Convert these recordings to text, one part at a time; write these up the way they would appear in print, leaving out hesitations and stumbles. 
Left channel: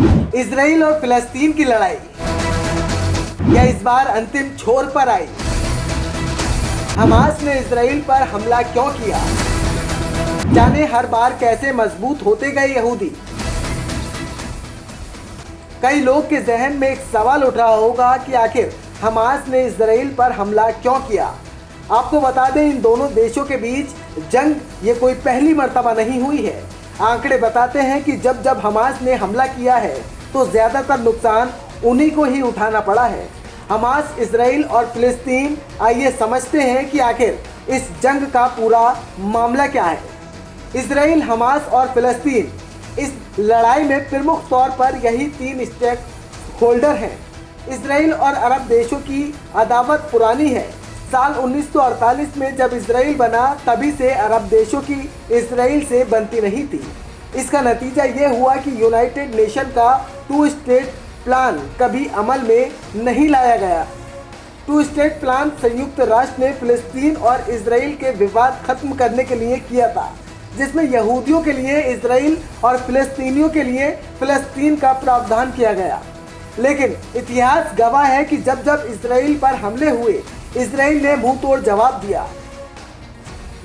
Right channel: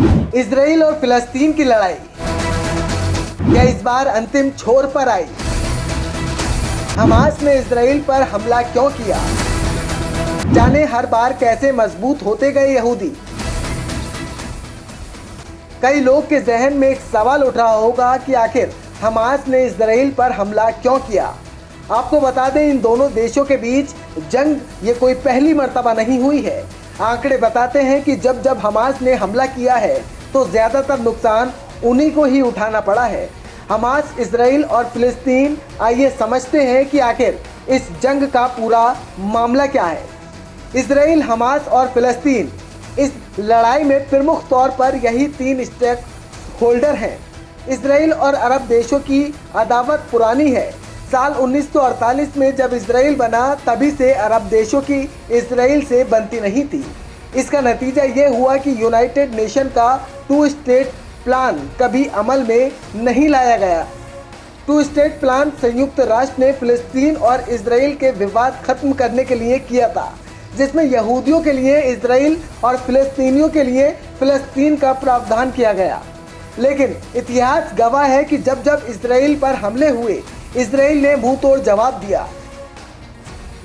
Israel और फिलिस्तीन की लड़ाई क्या इस बार अंतिम छोर पर आई? हमास ने इजराइल पर हमला क्यों किया? जाने हर बार कैसे मजबूत होते गए यहूदी। कई लोग के जहन में एक सवाल उठ रहा होगा कि आखिर हमास ने इजराइल पर हमला क्यों किया। आपको बता दें, इन दोनों देशों के बीच जंग ये कोई पहली मर्तबा नहीं हुई है। आंकड़े बताते हैं कि जब जब हमास ने हमला किया है तो ज़्यादातर नुकसान उन्हीं को ही उठाना पड़ा है। हमास, इजराइल और फिलिस्तीन, आइए समझते हैं कि आखिर इस जंग का पूरा मामला क्या है। इजराइल, हमास और फिलिस्तीन, इस लड़ाई में प्रमुख तौर पर यही तीन स्टेक होल्डर हैं। इजराइल और अरब देशों की अदावत पुरानी है। साल 1948 में जब इजराइल बना, तभी से अरब देशों की इजराइल से बनती नहीं थी। इसका नतीजा ये हुआ कि यूनाइटेड नेशन का 2 स्टेट प्लान कभी अमल में नहीं लाया गया। 2 स्टेट प्लान संयुक्त राष्ट्र ने फिलिस्तीन और इजराइल के विवाद खत्म करने के लिए किया था, जिसमें यहूदियों के लिए इजराइल और फिलिस्तीनियों के लिए फिलिस्तीन का प्रावधान किया गया। लेकिन इतिहास गवाह है कि जब जब इजराइल पर हमले हुए, इजराइल ने मुंह तोड़ जवाब दिया।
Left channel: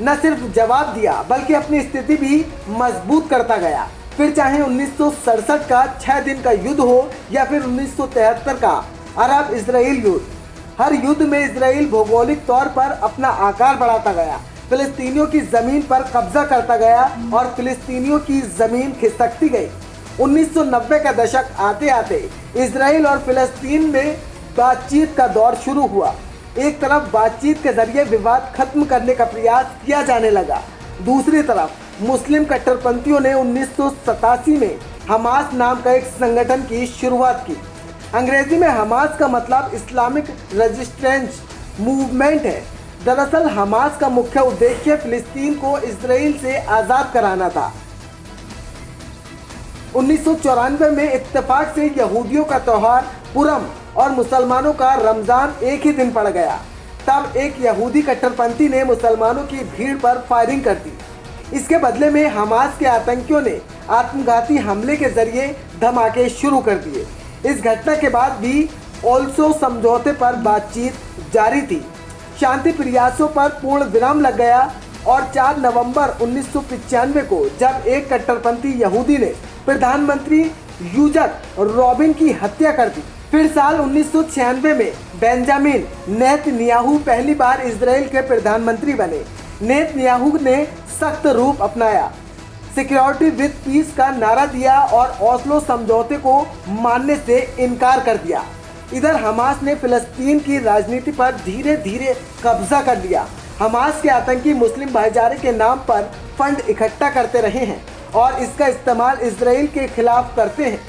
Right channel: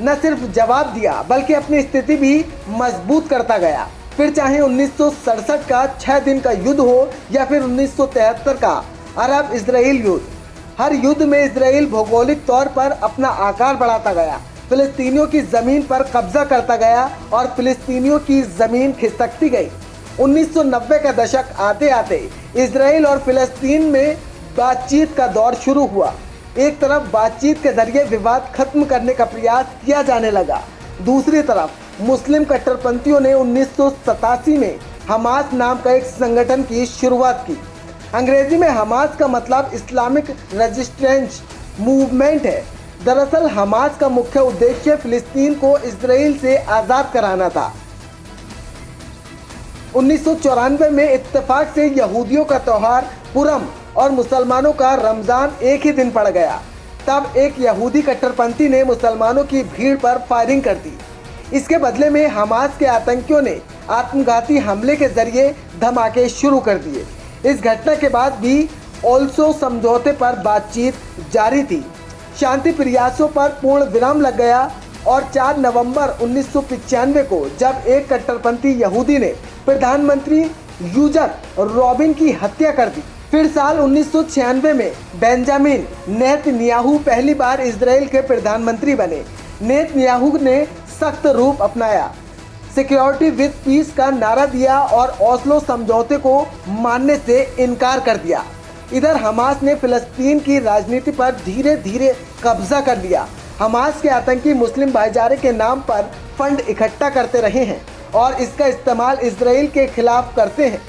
न सिर्फ जवाब दिया बल्कि अपनी स्थिति भी मजबूत करता गया। फिर चाहे 1967 का 6 दिन का युद्ध हो या फिर 1973 का अरब इजराइल युद्ध, हर युद्ध में इजराइल भौगोलिक तौर पर अपना आकार बढ़ाता गया, फिलिस्तीनियों की ज़मीन पर कब्जा करता गया और फिलिस्तीनियों की ज़मीन खिसकती गई। 1990 का दशक आते आते इजराइल और फिलिस्तीन में बातचीत का दौर शुरू हुआ। एक तरफ बातचीत के जरिए विवाद खत्म करने का प्रयास किया जाने लगा, दूसरी तरफ मुस्लिम कट्टरपंथियों ने 1987 में हमास नाम का एक संगठन की शुरुआत की। अंग्रेजी में हमास का मतलब इस्लामिक रेजिस्टेंस मूवमेंट है। दरअसल हमास का मुख्य उद्देश्य फिलिस्तीन को इजराइल से आज़ाद कराना था। 1994 में इत्तेफाक से यहूदियों का त्यौहार पुरम और मुसलमानों का रमज़ान एक ही दिन पड़ गया। तब एक यहूदी कट्टरपंथी ने मुसलमानों की भीड़ पर फायरिंग कर दी। इसके बदले में हमास के आतंकियों ने आत्मघाती हमले के जरिए धमाके शुरू कर दिए। इस घटना के बाद भी ओस्लो समझौते पर बातचीत जारी थी। शांति प्रयासों पर पूर्ण विराम लग गया और 4 नवंबर 1995 को जब एक कट्टरपंथी यहूदी ने प्रधानमंत्री यूजक रॉबिन की हत्या कर दी। फिर साल 1996 में बेंजामिन नेतन्याहू पहली बार इजराइल के प्रधानमंत्री बने। नेतन्याहू ने सख्त रूप अपनाया, सिक्योरिटी विद पीस का नारा दिया और ओस्लो समझौते को मानने से इनकार कर दिया। इधर हमास ने फिलिस्तीन की राजनीति पर धीरे धीरे कब्जा कर लिया। हमास के आतंकी मुस्लिम भाईचारे के नाम पर फंड इकट्ठा करते रहे हैं और इसका इस्तेमाल इजराइल के खिलाफ करते हैं।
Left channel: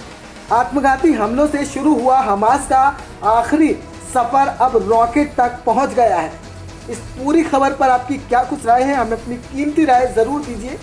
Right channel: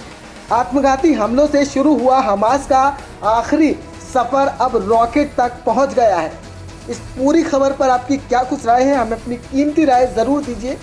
आत्मघाती हमलों से शुरू हुआ हमास का आखिरी सफ़र अब रॉकेट तक पहुंच गया है। इस पूरी खबर पर आपकी क्या कुछ राय है? हमें अपनी कीमती राय ज़रूर दीजिए।